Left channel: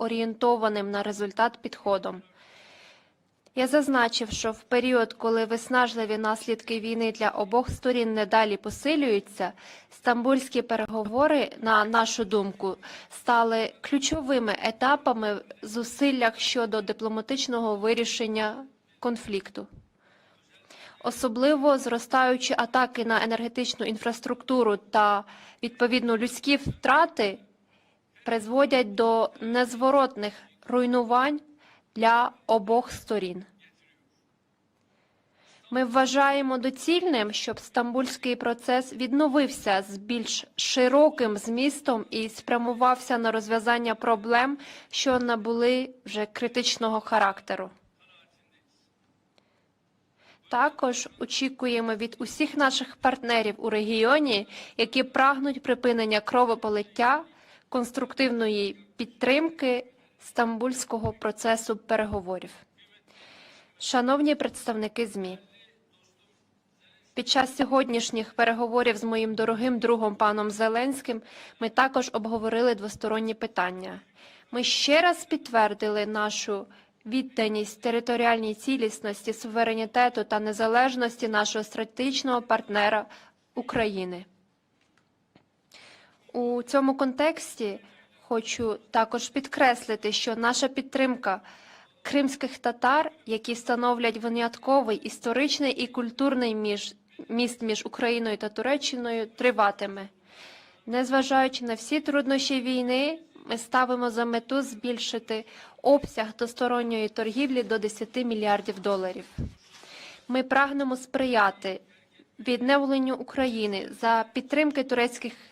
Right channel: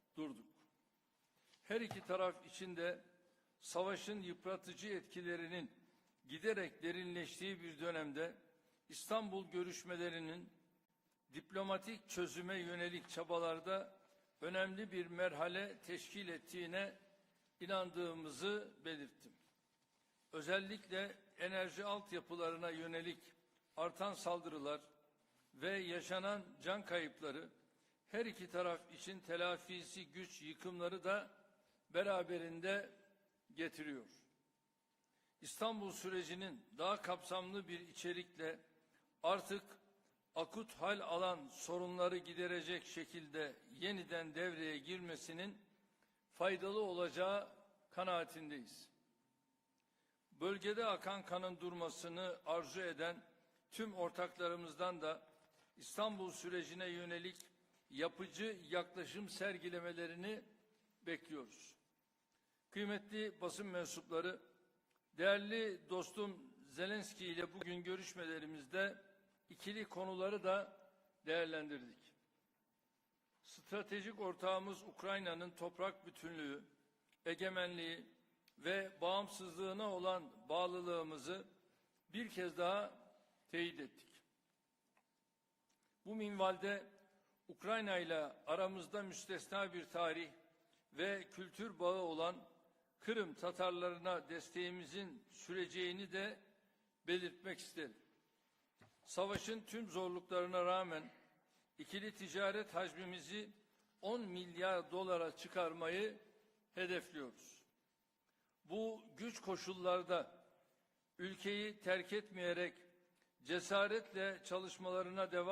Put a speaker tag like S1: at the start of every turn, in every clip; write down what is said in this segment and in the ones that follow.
S1: орієнтованим на результат підходом. Я зазначив, що в період, коли виснажливі наслідки війни для обох сторін не далі посилюються, стамбульські переговори, на нашу думку, стали ключовими етапами в зусиллях щодо дипломатичного вирішення конфлікту. Особливо зростаючі атаки на енергетичну інфраструктуру та відповідно людські втрати призводять до незворотних руйнувань для обох сторін. Ми вважаємо доцільним, щоб стамбульський процес відновився з більш широким змістом і спрямувався на розв'язання проблем, що набули вже критичного характеру. Також очікуємо від усіх наших партнерів у регіоні, які прагнуть припинення кровополиття, конструктивної підтримки стамбульського процесу переговорів. Шановні представники ЗМІ, під час сьогоднішніх переговорів з моїм дорогим другом паном Зеленським ми також обговорили двосторонні питання. Ми ще раз підтвердили нашу відданість територіальній цілісності, суверенітету та незалежності нашого стратегічного партнера України. У цьому контексті хочу також підкреслити, що наша підтримка кримських татар, які становлять винятковий історичний і культурний між міст між Україною та Туреччиною, триватиме. Незважаючи на всі труднощі війни, ми ставимо за мету збільшити обсяг двосторонньої торгівлі до 10 мільярдів доларів. Ми прагнемо сприяти відновленню України за підтримки турецьких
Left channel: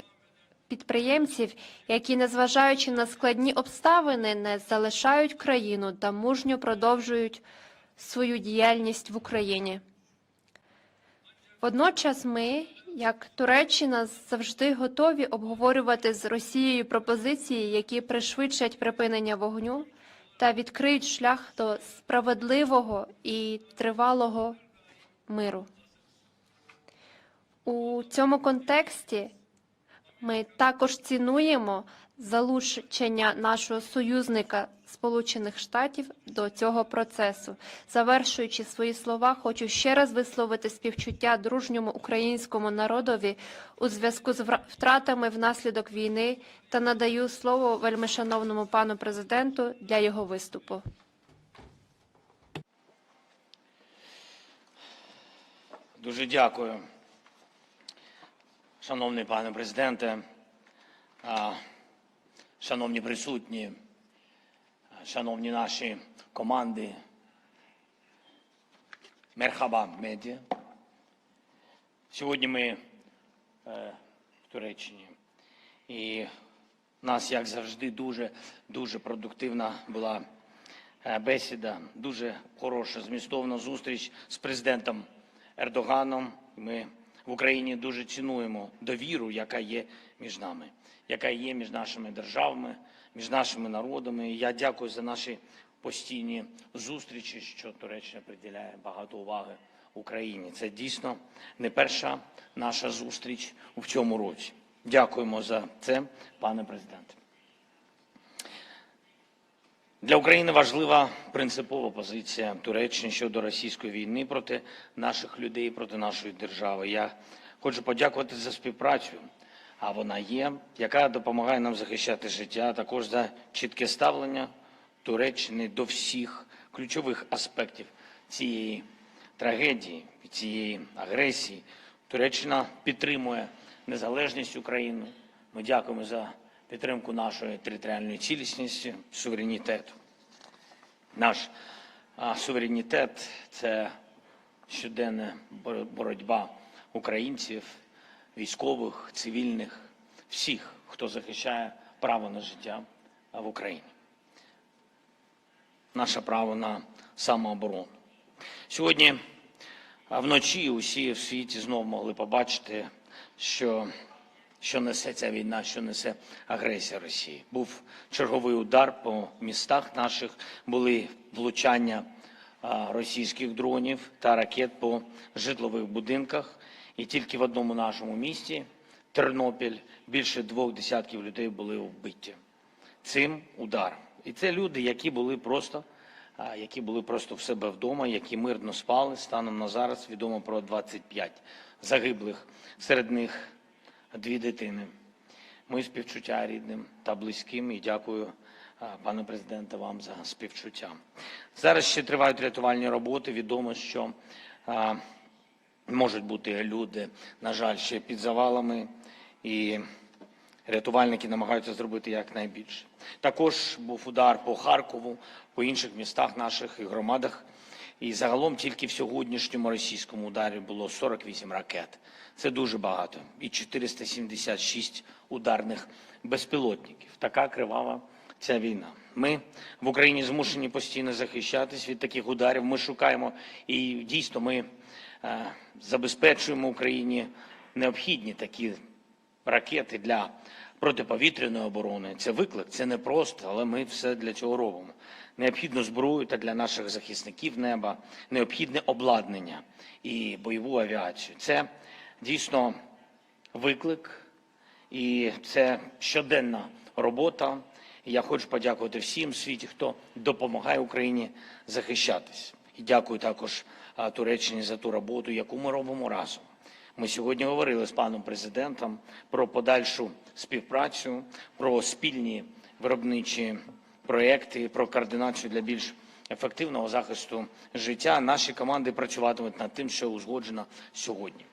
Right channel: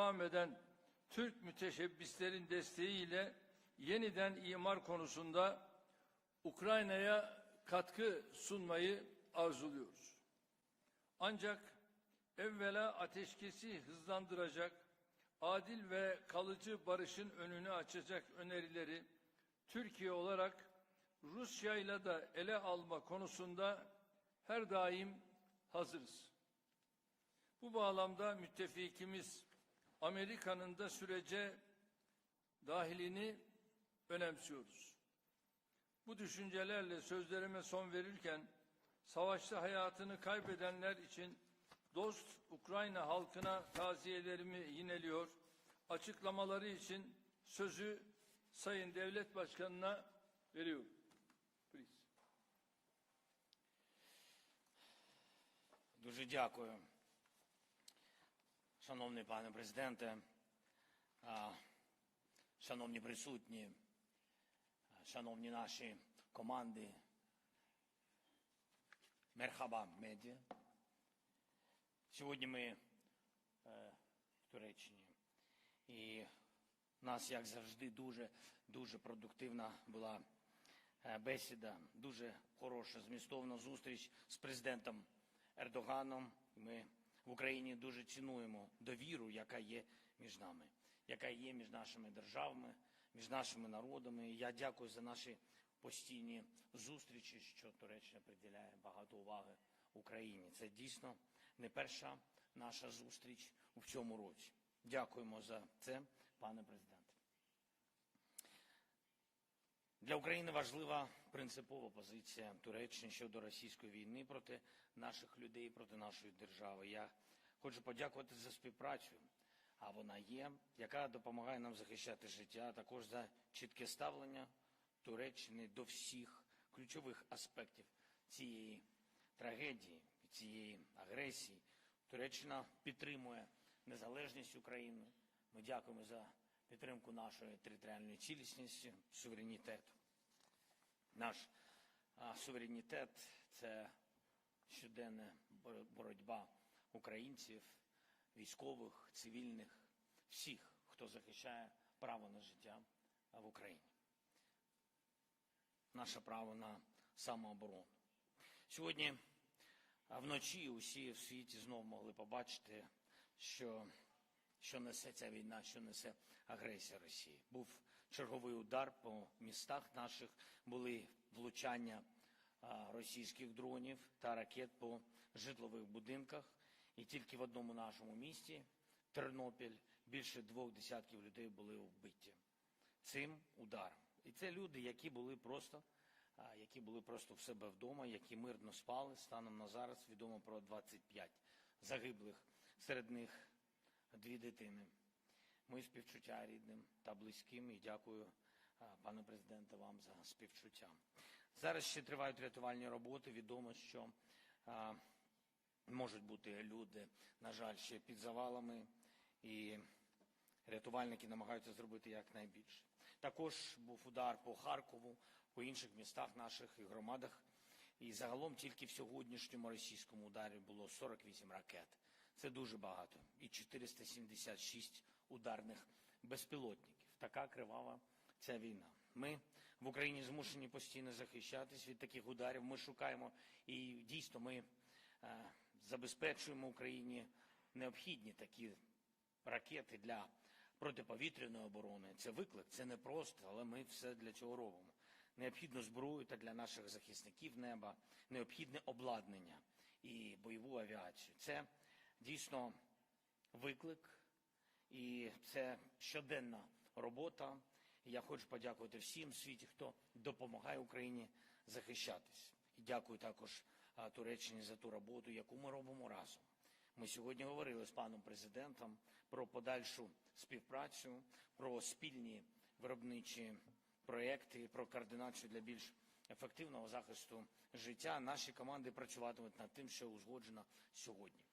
S1: підприємців, які, незважаючи на складні обставини, не залишають країну та мужньо продовжують свою діяльність в Україні. Водночас ми, як Туреччина, завжди готові обговорювати з Росією пропозиції, які пришвидшать припинення вогню та відкриють шлях до справедливого і тривалого миру. У цьому контексті ми також цінуємо залучення нашого союзника Сполучених Штатів до цього процесу. Завершуючи свої слова, хочу ще раз висловити співчуття дружньому українському народові у зв'язку з втратами внаслідок війни та надаю слово вельмишановному пану президенту для його виступу.
S2: Дуже дякую, шановний пане президенте, шановні присутні, шановні наші команди. Мерхаба медіа. Сьогодні ми е, в Туреччині. І в нас, як завжди, дуже дуже продуктивна була е, бесіда, дуже хороша, змістовна зустріч з президентом Ердоганом. Ми в Україні дуже цінуємо довіру, яка є між нами, яка є між нашими державами, між нашими народами. Я дякую за наші постійні зустрічі, що Туреччина приділяє багато уваги Україні. Це дійсно не перша наша зустріч у цьому році. Дякуємо за це, пане президенте. Для України важлива принципова позиція Туреччини щодо російської війни проти наших людей, проти нашої держави. Я хочу подякувати за співпрацю, а вона є, яка допомагає нам захищати життя, також за чітке ставлення Туреччини до всіх ключових аспектів цієї трагедії, цієї агресії. Туреччина підтримує незалежність України. Ми дякуємо за підтримку нашої територіальної цілісності, суверенітету. Наш суверенітет це щоденна боротьба українців, військових, цивільних, всіх, хто захищає право на життя в Україні. Наше право на самооборону. Сьогодні вночі усі в світі знову могли побачити, що що несе ця війна, що несе агресія Росії. Був черговий удар по містах наших, були влучання російських дронів та ракет по житлових будинках. І тільки в одному нашому місті, Тернопіль, більше двох десятків людей були вбиті. Цим ударом І це люди, які були просто, які були просто в себе вдома, які мирно спали. Станом на зараз відомо про 25 загиблих. Серед них дві дитини. Мої співчуття рідним та близьким і дякую, пане президенте, вам за співчуття. Зараз ще тривають рятувальні роботи. Відомо, що можуть бути люди, на жаль, ще під завалами, і рятувальники намагаються зробити якнайбільше. Також був удар по Харкову, по інших містах наших і громадах. І загалом тільки в сьогоднішньому російському ударі було 48 ракет. Це дуже багато. І 476 ударних безпілотників. Така кривава ця війна. Ми в Україні змушені постійно захищатись від таких ударів. Ми шукаємо і дійсно ми забезпечуємо Україні необхідні такі ракети для протиповітряної оборони. Це виклик, це не просто, але ми все для цього робимо. Необхідну зброю та для наших захисників неба, необхідне обладнання і бойову авіацію. Це дійсно виклик, і це щоденна робота. Я хочу подякувати всім в світі, хто допомагає Україні захищатись. І дякую також Туреччині за ту роботу, яку ми робимо разом. Ми сьогодні говорили з паном президентом про подальшу співпрацю, про спільні виробничі проекти, про координацію для більш ефективного захисту життя. Наші команди працюватимуть над тим, що узгоджено сьогодні.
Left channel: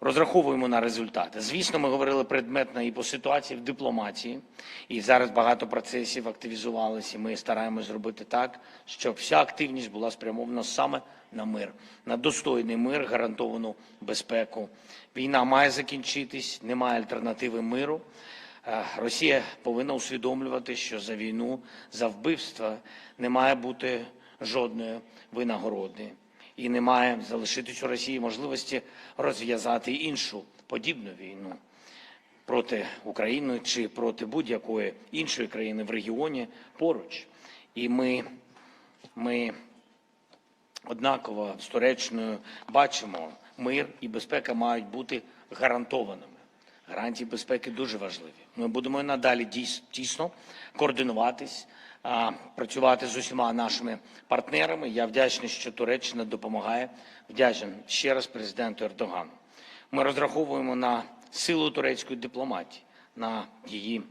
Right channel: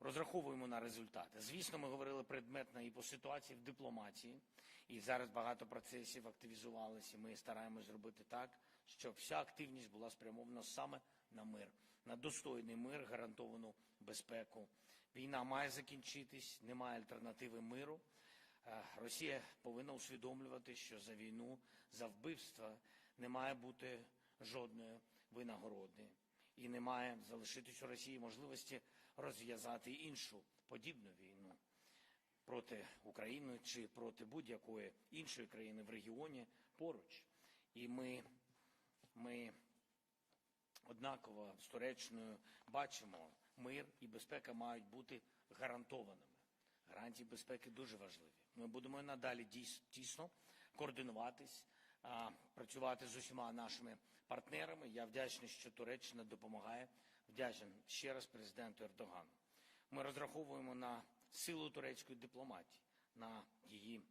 S2: Розраховуємо на результати. Звісно, ми говорили предметно і по ситуації в дипломатії, і зараз багато процесів активізувалися. Ми стараємось зробити так, щоб вся активність була спрямована саме на мир, на достойний мир, гарантовану безпеку. Війна має закінчитись, немає альтернативи миру. Е, Росія повинна усвідомлювати, що за війну, за вбивства не має бути жодної винагороди і не має залишитись у Росії можливості розв'язати іншу подібну війну проти України чи проти будь-якої іншої країни в регіоні поруч. І ми, ми однаково з Туреччиною бачимо, мир і безпека мають бути гарантованими. Гарантії безпеки дуже важливі. Ми будемо і надалі тісно координуватись, працювати з усіма нашими партнерами. Я вдячний, що Туреччина допомагає. Вдячний ще раз президенту Ердогану. Ми розраховуємо на силу турецької дипломатії, на її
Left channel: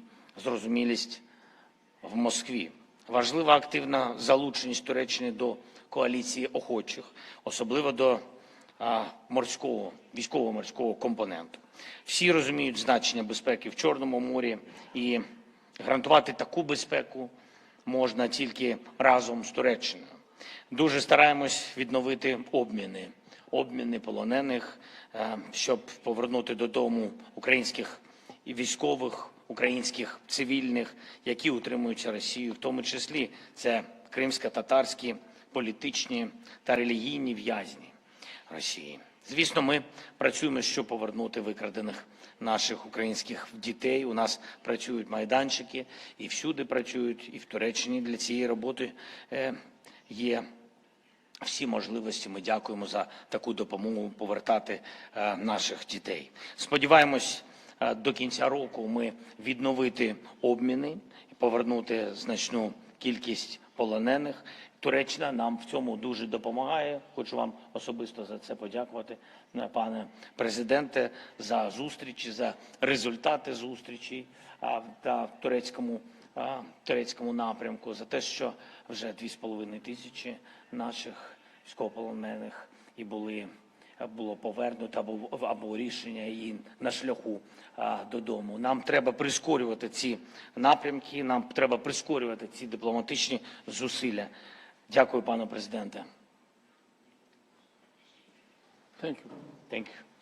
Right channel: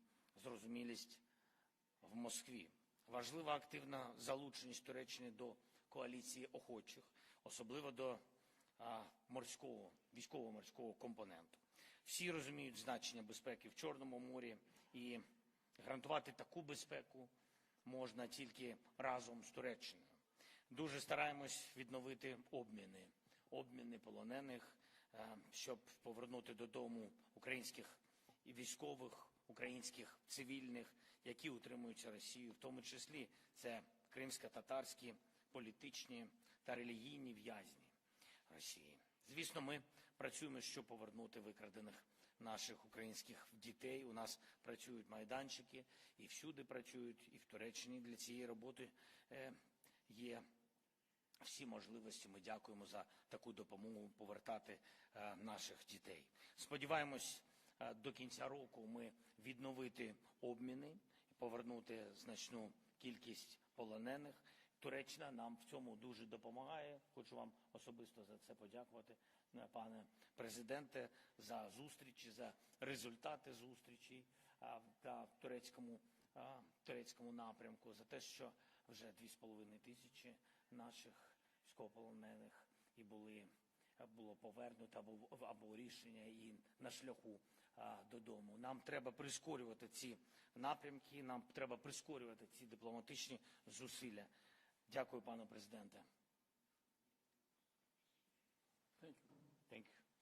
S2: зрозумілість в Москві. Важлива активна залученість Туреччини до коаліції охочих, особливо до а, морського військово-морського компоненту. Всі розуміють значення безпеки в Чорному морі і гарантувати таку безпеку можна тільки разом з Туреччиною. Дуже стараємось відновити обміни, обміни полонених, е, щоб повернути додому українських військових, українських цивільних, які утримуються Росією, в тому числі це кримсько-татарські політичні та релігійні в'язні Росії. Звісно, ми працюємо, щоб повернути викрадених наших українських дітей. У нас працюють майданчики і всюди працюють, і в Туреччині для цієї роботи е, є всі можливості. Ми дякуємо за таку допомогу повертати е, наших дітей. Сподіваємось, е, до кінця року ми відновити обміни повернути значну кількість полонених. Туреччина нам в цьому дуже допомагає. Хочу вам особисто за це подякувати, пане президенте, за зустрічі, за результати зустрічі та в турецькому, турецькому напрямку, за те, що вже 2,5 тисячі наших військовополонених і були було повернуто або, або рішення і на шляху а, додому. Нам треба прискорювати ці напрямки. Нам треба прискорювати ці дипломатичні зусилля. Дякую, пане президенте. Thank you. Thank you.